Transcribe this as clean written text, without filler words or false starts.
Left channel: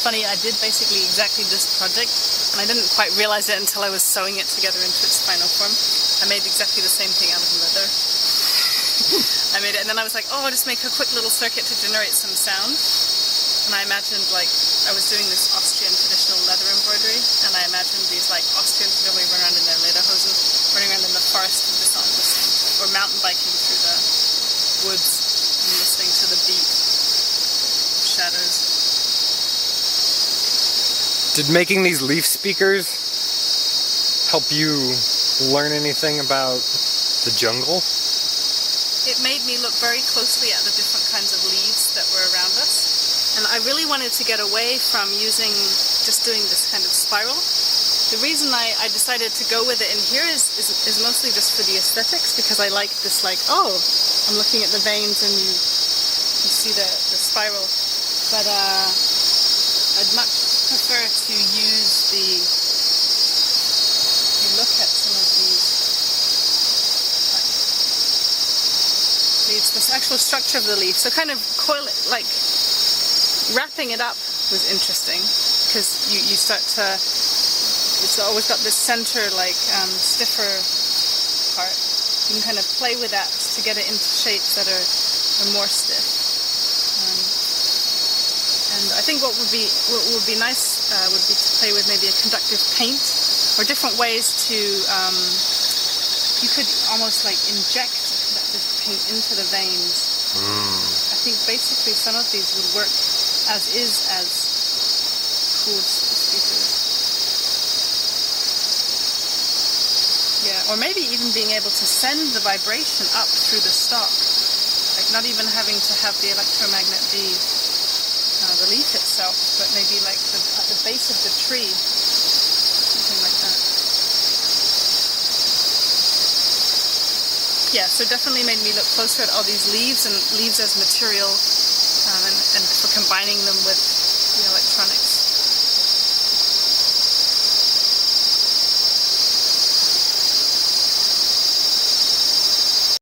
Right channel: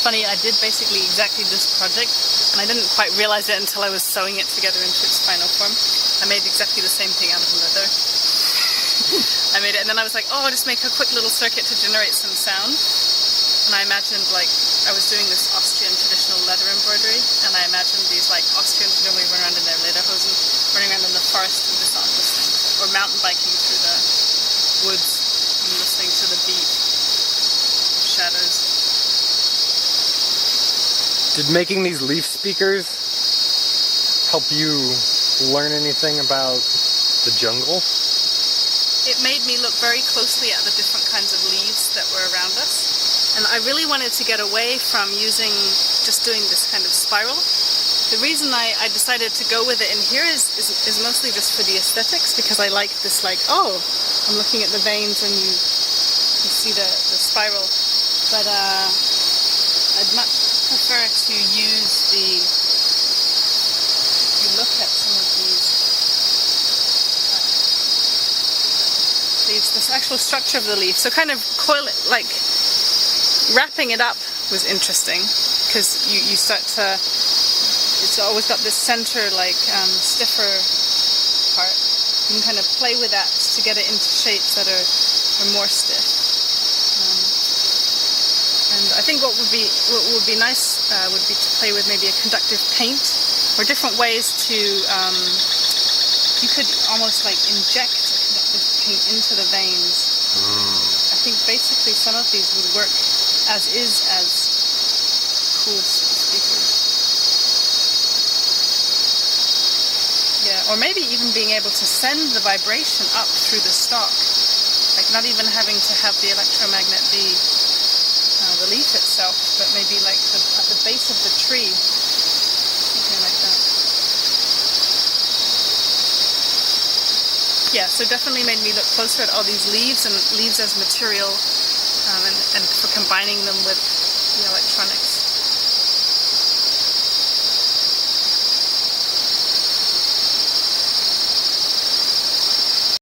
funny, I did basically exactly this project, and I didn't quite realize it until I was sewing it together into its final form. I made exactly the same thing out of leather. I made it, and then I was like, oh, I'll just make a quick little circuit to generate some sound. And I imagined, like, I was doing this Austrian traditional leather embroidery, and I imagined these, like, Austrians who normally run around in their lederhosen, running around in the forest with the song, listening to, or mountain biking through the woods and listening to the beat of shadows. Did making these leaf speakers help you learn anything about the jungle? It made me look very closely at the different kinds of leaves that were around us. And I really wanted to get away from just doing this kind of spiral. The reason I decided to go with it in here is mostly just for the aesthetics, because I like this, like, oh, I'm looking at the veins and you see the spiral. But I'd much prefer to use if you look at some of these, this actual structure of the leaf. So kind of coil it, like, wrapping it up was interesting, because you start to, it's always got this center, like, stiffer part. You can kind of play with that to get it into shapes that are more stiff. And I think what would be nice would be to play with maybe a conductive paint, or different ways to, you could almost like inject a conductive paint into the veins. I think basically some of these would work as cool speakers. Yeah, or maybe even being able to send the vibration up through the stalk, like not even having to have the electromagnet be the leaf itself, but maybe like at the base of the tree, something like that. Yeah, so definitely made me look closer at all these leaves and leaves as material, and for combining them with the electronics.